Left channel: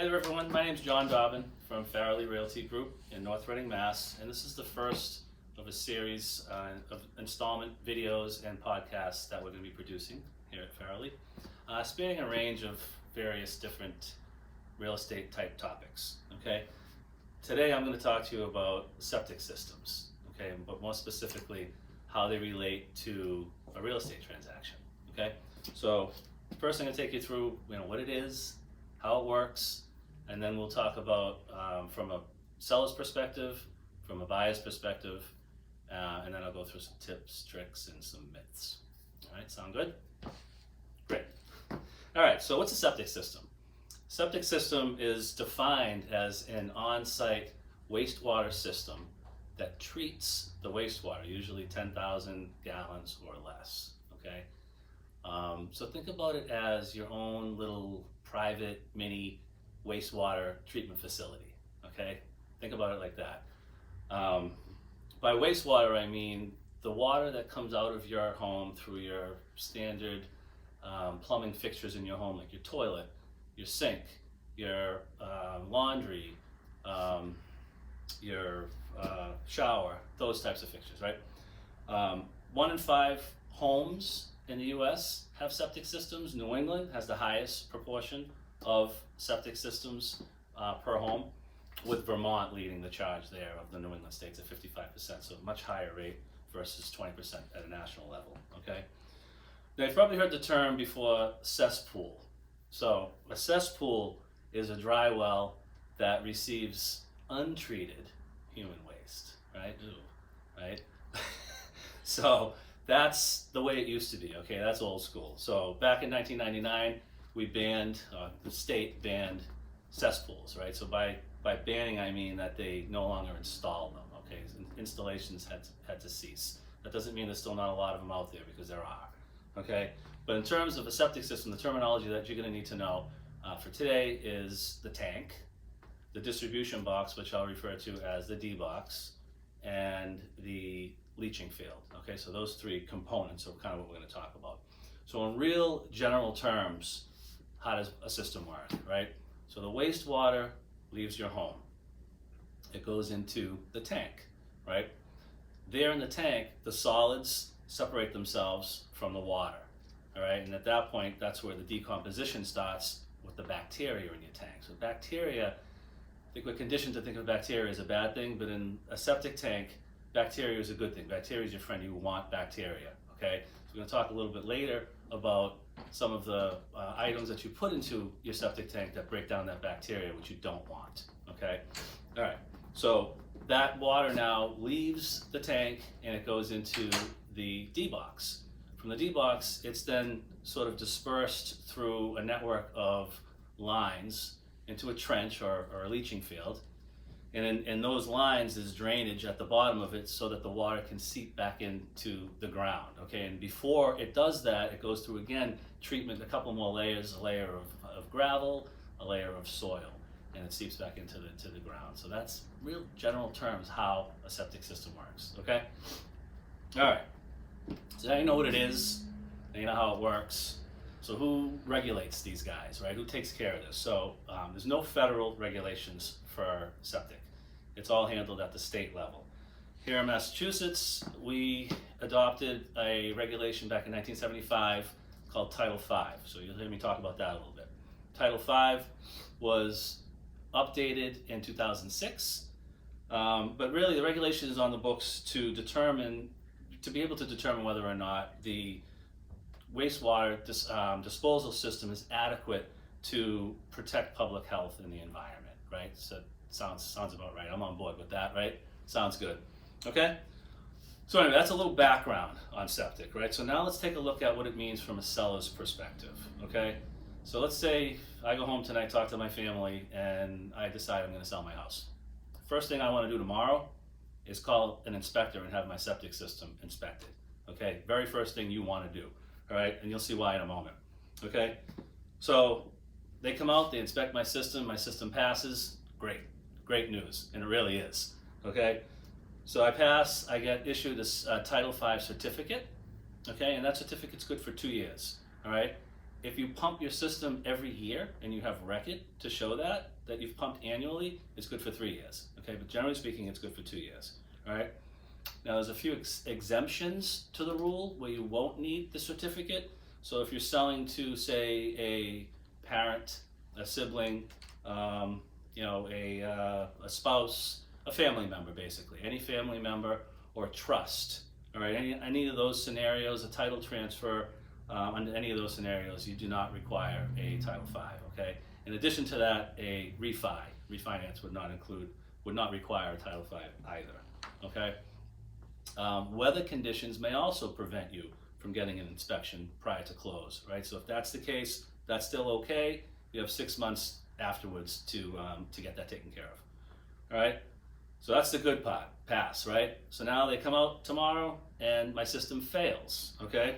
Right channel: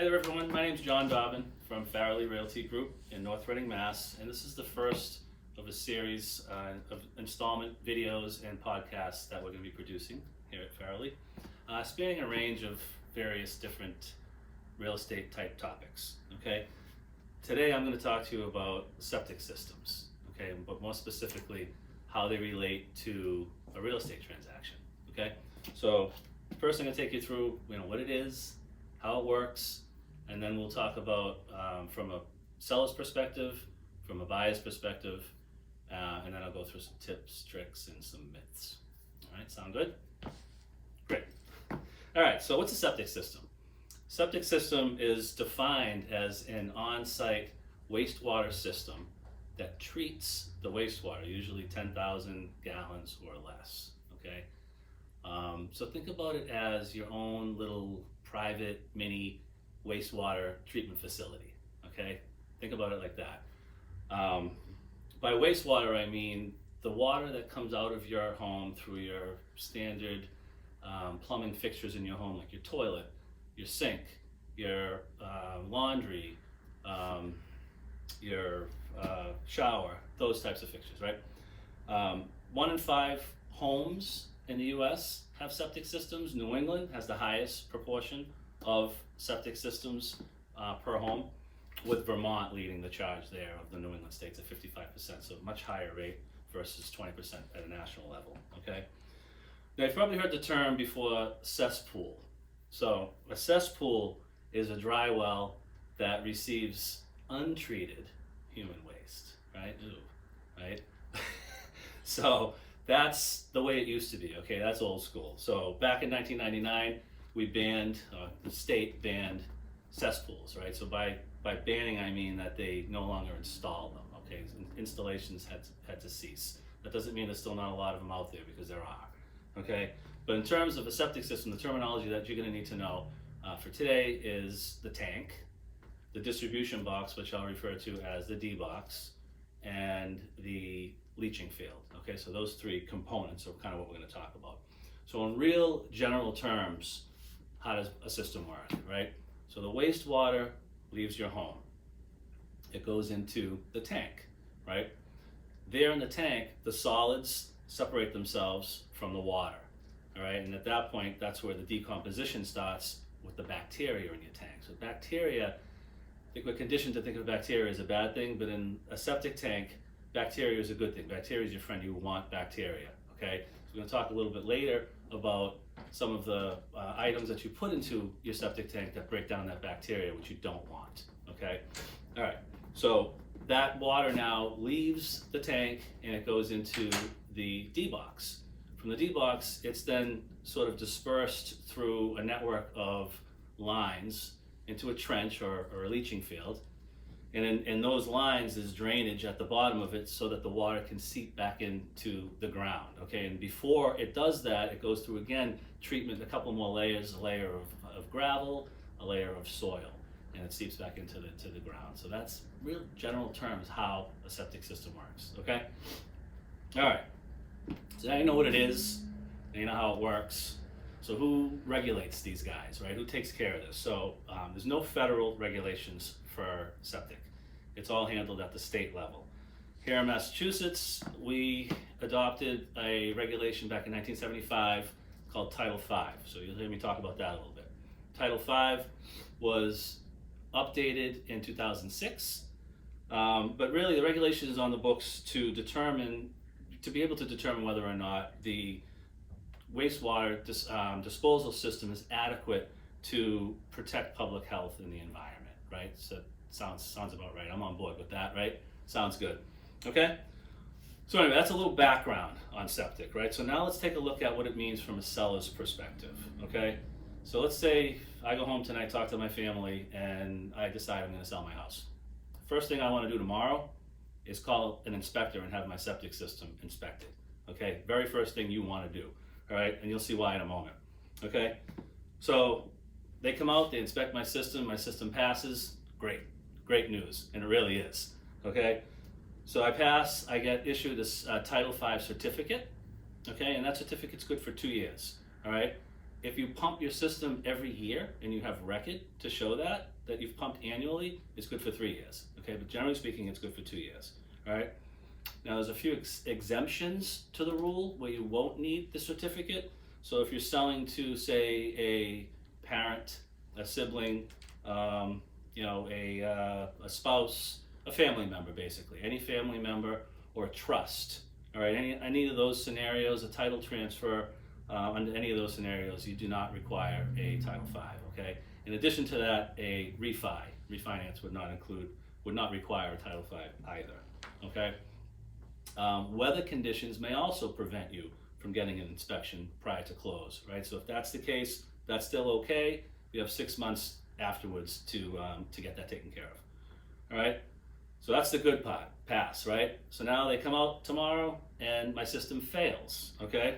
Hi there everyone, my name is John Dobbyn from Farrelly Realty Group in North Reading, Mass. And this is the first of a series of installment videos and podcasts that we're going to be producing here at Farrelly, spanning a range of various different real estate type topics. Okay, today I'm going to talk to you about septic systems, okay, but more specifically how they relate to a real estate transaction. Okay, so first I'm going to take you through what it is, how it works, and then we'll talk about from a seller's perspective, from a buyer's perspective, and then I'll go through some tips, tricks, and some myths. All right, sound good? Great. All right, so what's a septic system? Septic system is defined as an on-site wastewater system that treats the wastewater, usually 10,000 gallons or less, okay? So think about it as your own little private mini wastewater treatment facility, okay? Think about it like that. By wastewater, I mean the water that comes out of your home through your standard plumbing fixtures in your home, like your toilet, your sink, your laundry, your shower, those types of fixtures, right? 1 in 5 homes in the US have septic systems. New England has the highest proportion of septic systems per home, with Vermont leading the charge there of the New England states at 55%, so a much higher rate versus 20% at a national level, okay? Now you've probably heard the term before, cesspool. So a cesspool is a dry well that receives untreated human waste, right? Ooh, right? So that's the way it used to be, okay? That's old school. So back in 1999, we banned, the state banned cesspools, right? So by banning, I mean that they no longer install them, okay? Installations had to cease. That doesn't mean there's still not a lot of them out there, because there are, okay? But in terms of a septic system, the terminology that you're gonna need to know for today is the tank, the distribution box, which I'll refer to as the D box, and the leaching field, okay? So those 3 components are kind of what we're gonna talk about. So in real general terms, how does a system work, right? So the wastewater leaves your home. It goes into the tank, right? There in the tank, the solids separate themselves from the water, all right? And at that point, that's where the decomposition starts with the bacteria in your tank. So bacteria, I think we're conditioned to think of bacteria as a bad thing, but in a septic tank, bacteria is a good thing. Bacteria is your friend. You want bacteria, okay? So we're gonna talk a little bit later about some of the items that you put into your septic tank that break down that bacteria, which you don't want, okay? All right, so that water now leaves the tank and it goes into the D box. From the D box, it's then sort of dispersed through a network of lines into a trench or a leaching field. And in those lines is drainage at the bottom of it so that the water can seep back into the ground, okay? And before it does that, it goes through, again, treatment, a couple more layers, a layer of gravel, a layer of soil, and it seeps back into the ground. So that's real general terms how a septic system works, okay? All right, so now you know what it is, now you know how it works. So who regulates these guys, right? Who takes care of this? So there's no federal regulations for septic. It's all handled at the state level. Here in Massachusetts, we adopted a regulation back in 1975 called Title V. So you'll hear me talk about that a little bit. Title V was updated in 2006, but really the regulation is on the books to be able to determine whether or not the wastewater disposal system is adequate to protect public health and the environment, right? So sounds about right. I'm on board with that, right? Sounds good. Okay? So anyway, that's a little background on septic, right? So now let's take a look at what it means from a seller's perspective, okay? So let's say I go home tonight, talk to my family, and I decide I'm gonna sell my house. First thing I wanna do tomorrow is call an inspector and have my septic system inspected, okay? Very first thing you wanna do, all right? And you'll see why in a moment, okay? So they come out, they inspect my system passes, great news, and it really is, okay? So I pass, I get issued this Title V certificate, okay? And that certificate's good for 2 years, all right? if you pump your system every year and you have record to show that you've pumped annually, it's good for 3 years, okay? But generally speaking, it's good for 2 years, all right? Now there's a few exemptions to the rule where you won't need the certificate. So if you're selling to, say, a parent, a sibling, a spouse, a family member, basically, any family member or trust, all right, any of those scenarios, a title transfer, under any of those scenarios, you do not require a Title V, okay? In addition to that, a refinance would not require a Title V either, okay? Weather conditions may also prevent you from getting an inspection prior to close, right? So if that's the case, that's still okay. You have 6 months afterwards to get that taken care of, all right? So that's the good part, pass, right? So now they come out tomorrow and my system fails, okay?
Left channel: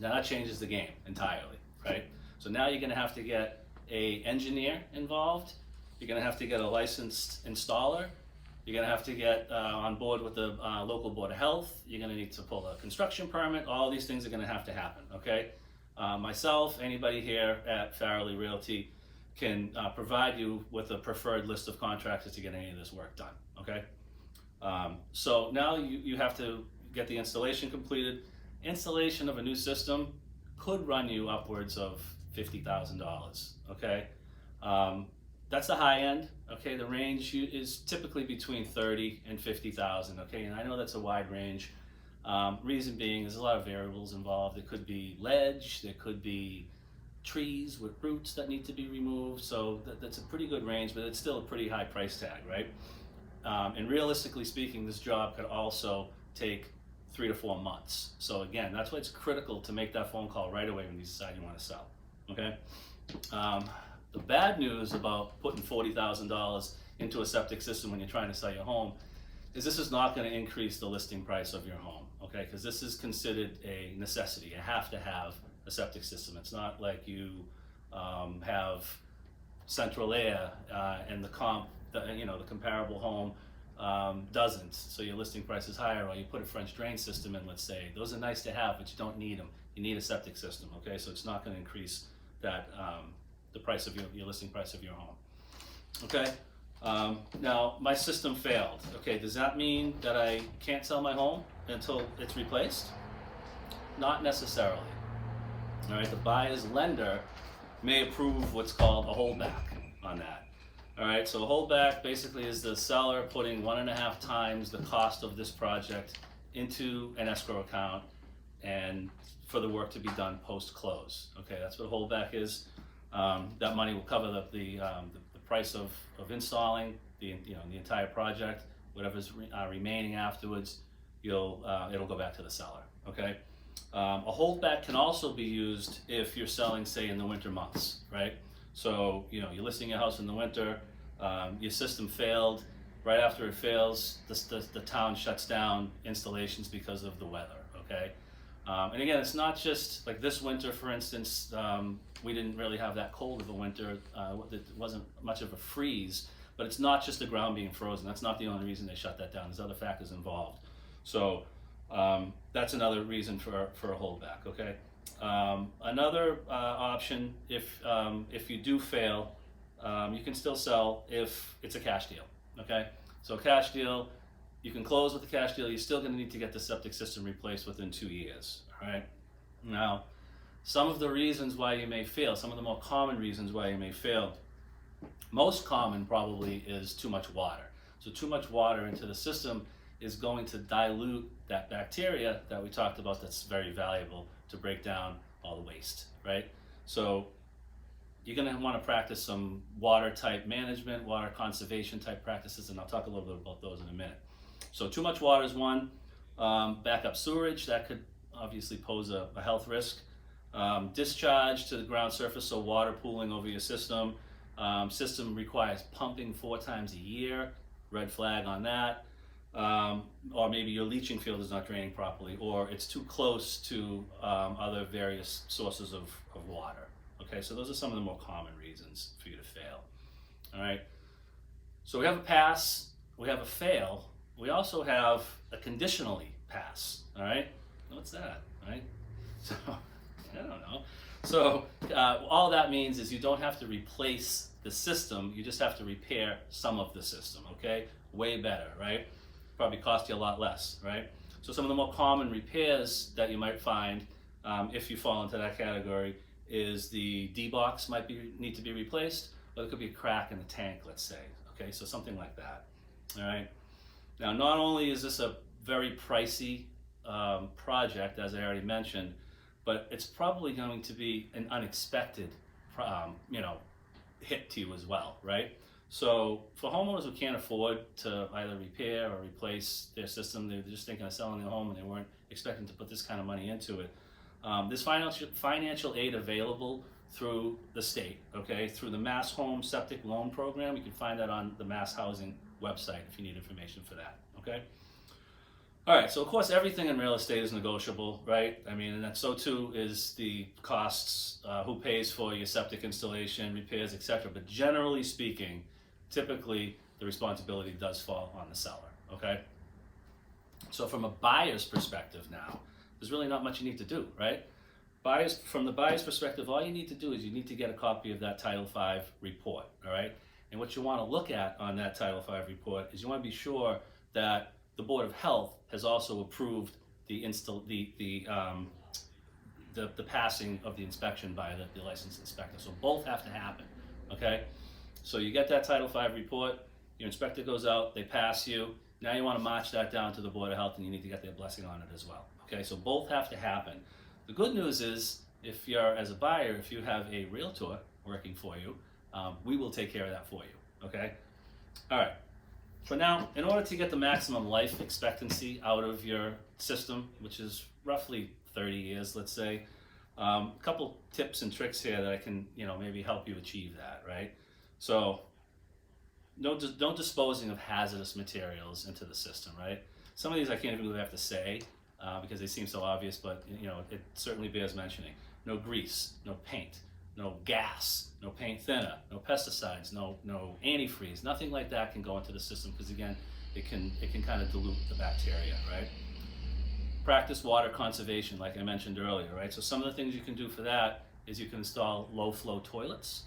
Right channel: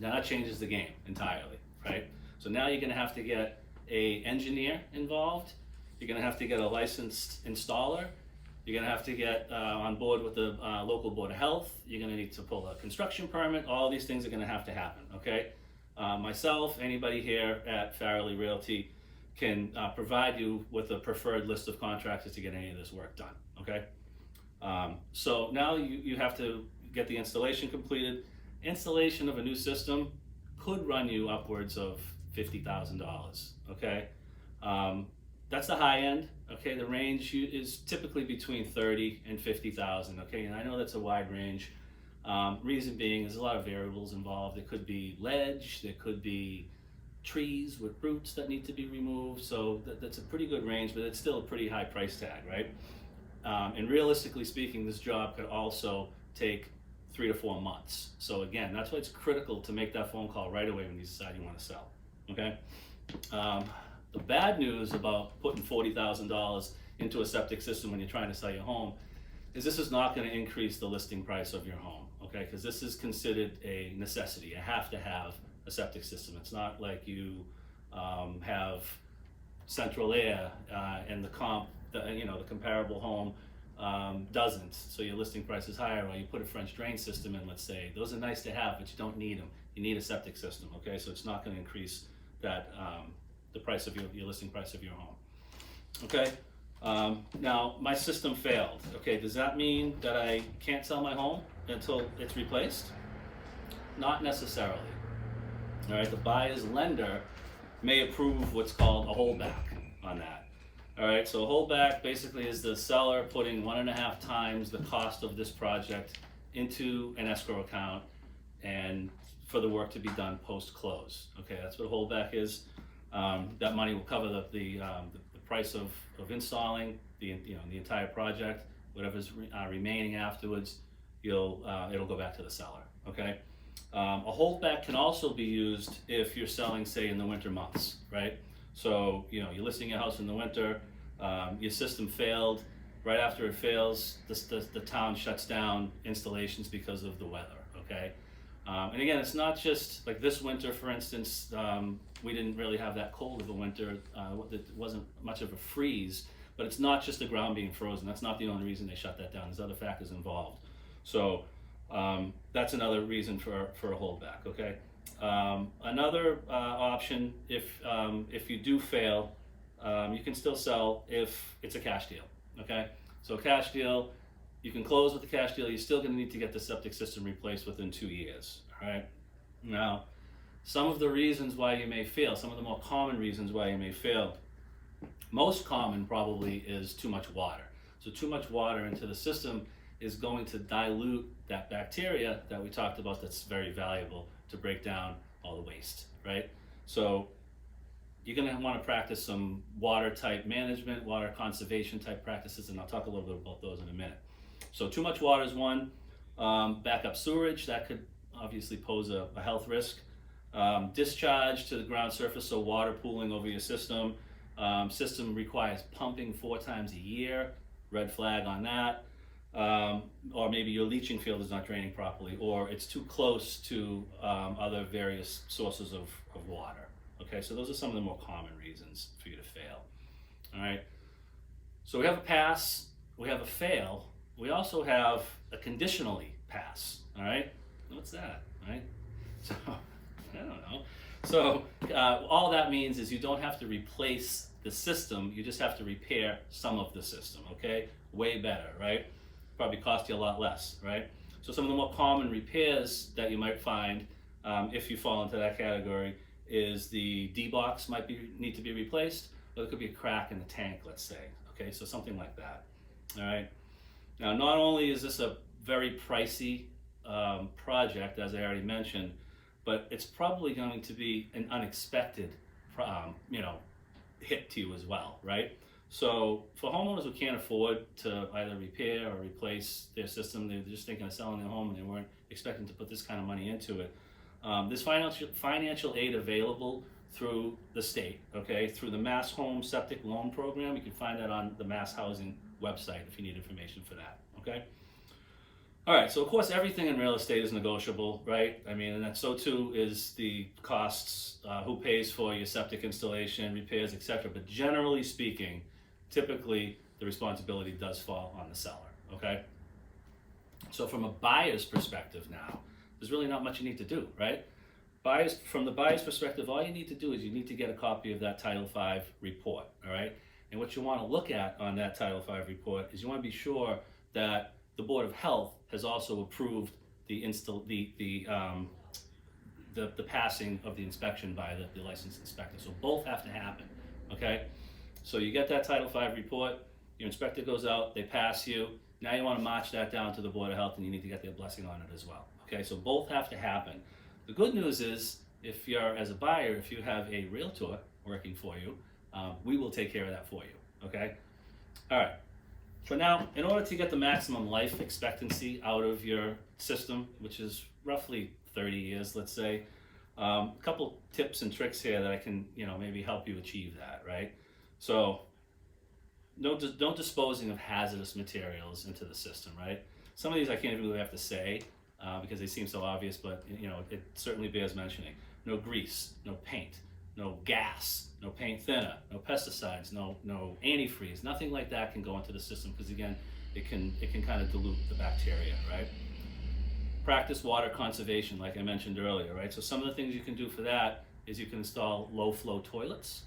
Now that changes the game entirely, right? So now you're gonna have to get an engineer involved. You're gonna have to get a licensed installer. You're gonna have to get on board with the local board of health. You're gonna need to pull a construction permit. All these things are gonna have to happen, okay? Myself, anybody here at Farrelly Realty can provide you with a preferred list of contractors to get any of this work done, okay? So now you have to get the installation completed. Installation of a new system could run you upwards of $50,000, okay? That's the high end, okay? The range is typically between 30 and 50,000, okay? And I know that's a wide range. Reason being, there's a lot of variables involved. It could be ledge, there could be trees with roots that need to be removed, so that's a pretty good range, but it's still a pretty high price tag, right? And realistically speaking, this job could also take 3 to 4 months. So again, that's why it's critical to make that phone call right away when you decide you want to sell, okay? The bad news about putting $40,000 into a septic system when you're trying to sell your home is this is not going to increase the listing price of your home, okay? Because this is considered a necessity. You have to have a septic system. It's not like you have central air and the comparable home doesn't, so your listing price is higher, or you put a French drain system in, let's say. Those are nice to have, but you don't need them. You need a septic system, okay? So it's not going to increase that the price of your listing price of your home, okay? Now my system failed, okay? Does that mean that I can't sell my home until it's replaced? Not necessarily. All right, the buyer's lender may approve what's called a holdback on that. All right, so a holdback basically is the seller putting 1.5 times the cost of this project into an escrow account and for the work to be done post-close. Okay, that's what a holdback is. That money will cover the price of installing the entire project. Whatever's remaining afterwards, it'll go back to the seller. Okay. A holdback can also be used if you're selling, say, in the winter months, right? So, you're listing your house in the winter, your system failed. Right after it fails, the town shuts down installations because of the weather, okay? And again, it's not just like this winter, for instance, we didn't really have that cold of a winter. It wasn't much of a freeze, but it's not just the ground being frozen. That's not the only reason they shut that down. There's other factors involved. So that's another reason for a holdback, okay? Another option, if you do fail, you can still sell if it's a cash deal, okay? So cash deal, you can close with the cash deal. You're still going to need to get the septic system replaced within 2 years, all right? Now, some of the reasons why you may fail, some of the more common reasons why you may fail, most common probably is too much water. So too much water into the system is going to dilute that bacteria that we talked about that's very valuable to break down all the waste, right? So you're gonna wanna practice some water type management, water conservation type practices, and I'll talk a little bit about those in a minute. So too much water is one. Backup sewerage, that could obviously pose a health risk. Discharge to the ground surface, so water pooling over your system. System requires pumping 4 times a year, red flag on that. Or maybe your leaching field is not draining properly, or it's too close to other various sources of water. Okay, so those are some of the more common reasons for you to fail. All right, so we have a pass, we have a fail, we also have a conditionally pass. All right, what's that? All right, so I don't know. So all that means is you don't have to replace the system, you just have to repair some of the system, okay? Way better, right? Probably cost you a lot less, right? So some of the more common repairs that you might find, if you fall into that category, is the D-box might need to be replaced, or it could be a crack in the tank, let's say, okay? So something like that, all right? Now, not only is this a very pricey project, as I already mentioned, but it's probably going to be an unexpected, hit to you as well, right? So for homeowners who can't afford to either repair or replace their system, they're just thinking of selling their home and they weren't expecting to put this kind of money into it. There's financial aid available through the state, okay? Through the Mass Home Septic Loan Program. You can find that on the Mass Housing website if you need information for that, okay? All right, so of course everything in real estate is negotiable, right? I mean, and that so too is the costs, who pays for your septic installation, repairs, etc. But generally speaking, typically the responsibility does fall on the seller, okay? So from a buyer's perspective now, there's really not much you need to do, right? From the buyer's perspective, all you need to do is you need to get a copy of that Title V report, all right? And what you want to look at on that Title V report is you want to be sure that the Board of Health has also approved the passing of the inspection by the licensed inspector. So both have to happen, okay? So you get that Title V report, your inspector goes out, they pass you, now you want to march that down to the Board of Health and you need to get their blessing on it as well, okay? So both have to happen. The good news is, if you're, as a buyer, if you have a realtor working for you, we will take care of that for you, okay? All right. For now, in order to get the maximum life expectancy out of your system, which is roughly 30 years, let's say, a couple tips and tricks here that I can, maybe help you achieve that, right? So, no disposing of hazardous materials into the system, right? Some of these I can't even really have to say because they seem so obvious, but it certainly bears mentioning. No grease, no paint, no gas, no paint thinner, no pesticides, no antifreeze, nothing like that can go into the system because again, it can kind of dilute the bacteria, right? Practice water conservation, like I mentioned earlier, right? So some of the things you can do for that is you can install low flow toilets,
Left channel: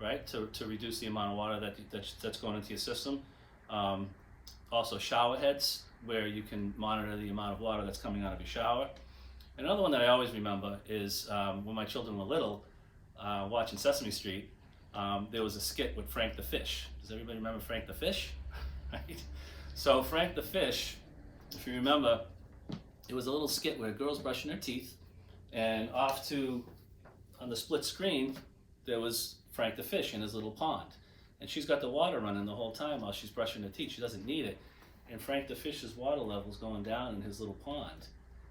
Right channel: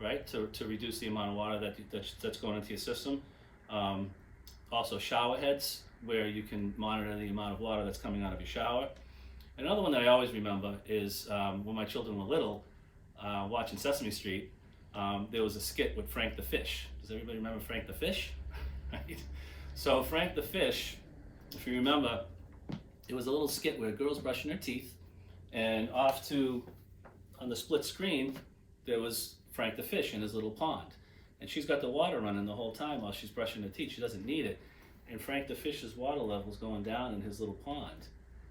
right? To reduce the amount of water that's going into your system. Also shower heads, where you can monitor the amount of water that's coming out of your shower. Another one that I always remember is when my children were little, watching Sesame Street, there was a skit with Frank the Fish. Does everybody remember Frank the Fish? Right? So Frank the Fish, if you remember, it was a little skit where a girl's brushing her teeth, and on the split screen, there was Frank the Fish in his little pond. And she's got the water running the whole time while she's brushing her teeth. She doesn't need it. And Frank the Fish's water level's going down in his little pond.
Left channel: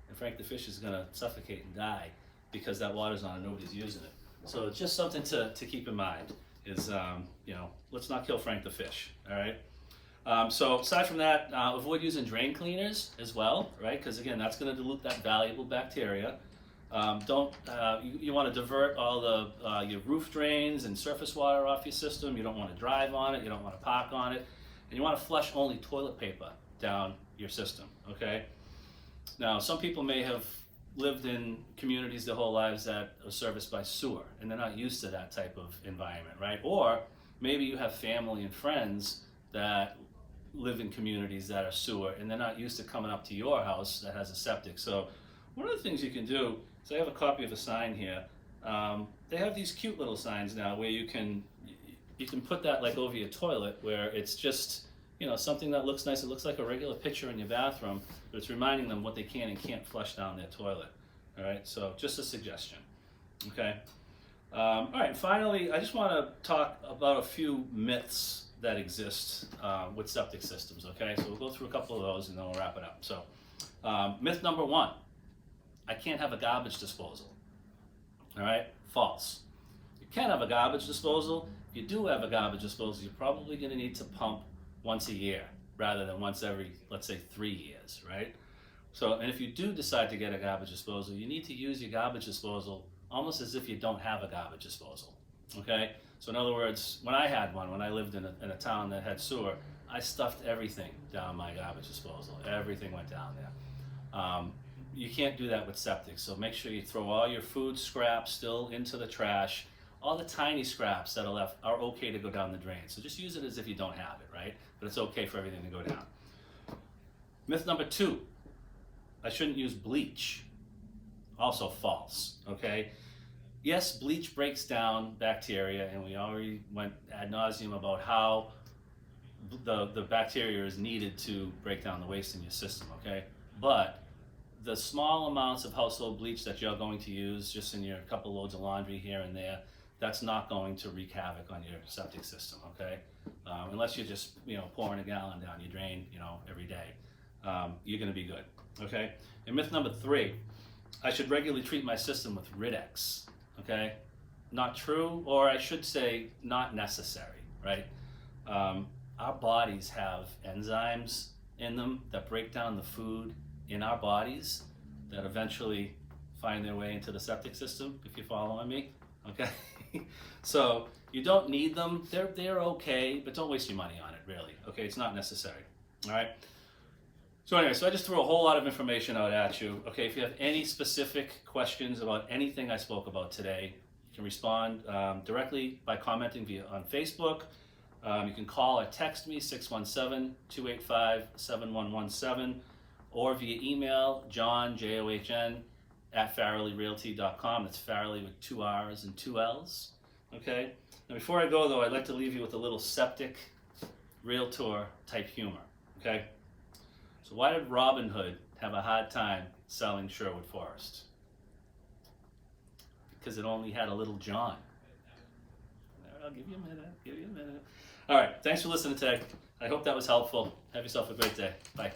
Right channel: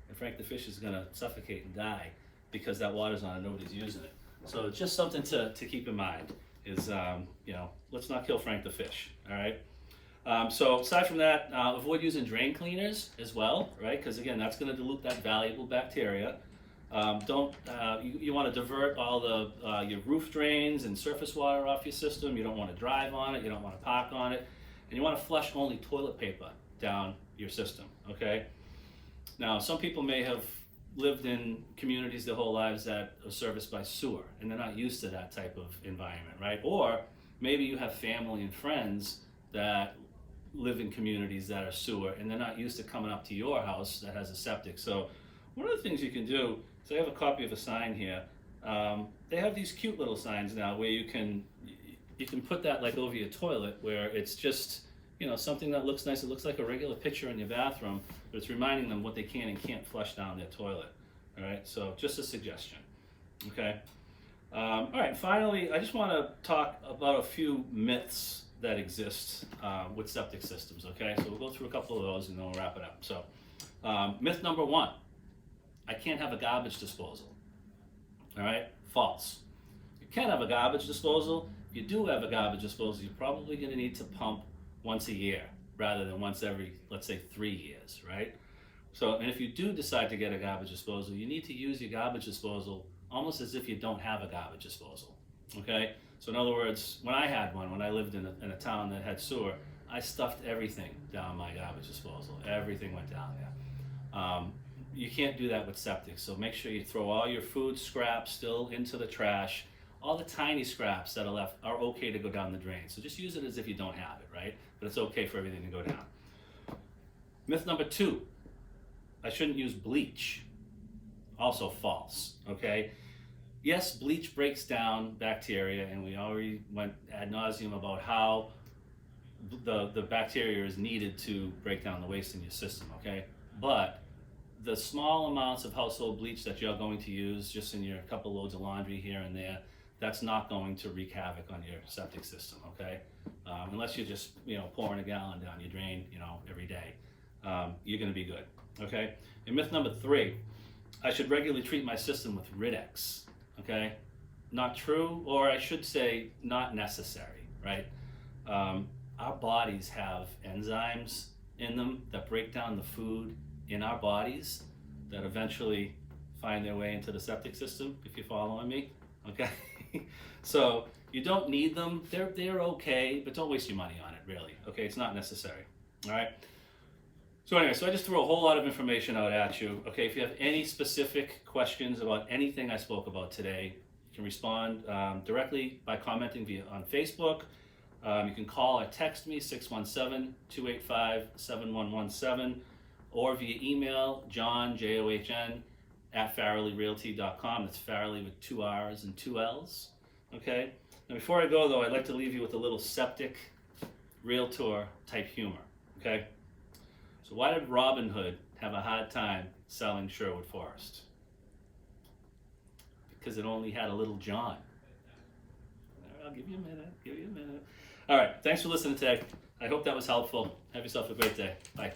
And Frank the Fish is gonna suffocate and die because that water's on and nobody's using it. So it's just something to keep in mind is, let's not kill Frank the Fish, all right? So aside from that, avoid using drain cleaners as well, right? Because again, that's gonna dilute that valuable bacteria. You want to divert all the your roof drains and surface water off your system. You don't want to drive on it, you don't want to park on it, and you want to flush only toilet paper down your system, okay? Now, some people may have lived in communities their whole lives that are serviced by sewer, and they're not used to that type of environment, right? Or maybe you have family and friends that live in communities that are sewer, and they're not used to coming up to your house that has a septic. So one of the things you can do, so I have a copy of a sign here. They have these cute little signs now where you can put that like over your toilet, where it's just, something that looks nice. It looks like a regular picture in your bathroom, but it's reminding them what they can and can't flush down their toilet. All right, so just a suggestion, okay? All right, finally, I just want to talk about a few myths that exist with septic systems, okay? So we'll go through a couple of those and then we'll wrap it up. So myth number one, I can't have a garbage disposal. All right, false. You can have a garbage disposal. If you do have a garbage disposal, you're probably going to need to pump once a year rather than once every, let's say, 3 years, right? So, and if you do decide to get a garbage disposal, you need to use your garbage disposal almost as if you don't have a garbage disposal, okay? So in other words, when I had one, when I lived in a town that had sewer, I stuffed everything down my garbage disposal. Everything went down there. you can't do that with septic. So make sure you throw all your food scraps still into the trash. All the tiny scraps that are left are okay to go down the drain. So just use it as if you don't have it, right? But it's okay for everything to go down. Myth number 2, I shouldn't use bleach. Also false, okay? Yes, bleach breaks down bacteria, and we already went ad nauseum about how the bacteria is needed to break down the waste in your system, okay? But the small amounts of household bleach that you're going to use just in your couple loads of laundry here and there, that's not going to wreak havoc on your septic system, okay? Unless you're just, pouring a gallon down your drain, every day. You're gonna be good, okay? And myth number 3, I should regularly treat my system with Rid-X, okay? Not true, or I should say not necessary, right? Our bodies have enzymes in them that break down the food in our bodies that eventually find their way into the septic system, if you're following me, okay? So you don't need them, they're okay, but don't waste your money on it, really, okay? It's not necessary, all right? So anyway, I just threw a whole lot of information out at you. Okay, if you have any specific questions about anything I spoke about today, you can respond directly by commenting on Facebook. You can call or text me, 617-285-7117, or via email, John, John, @FarrellyRealty.com. That's Farrelly with 2 R's and 2 L's. Okay? Now before I go though, I'd like to leave you with a little septic realtor type humor. Okay? So why did Robin Hood have a hard time selling Sherwood Forest? Because it only had a little John. I'll give you a minute. All right, thanks for listening today. I hope that was helpful. Have yourself a great day. Bye.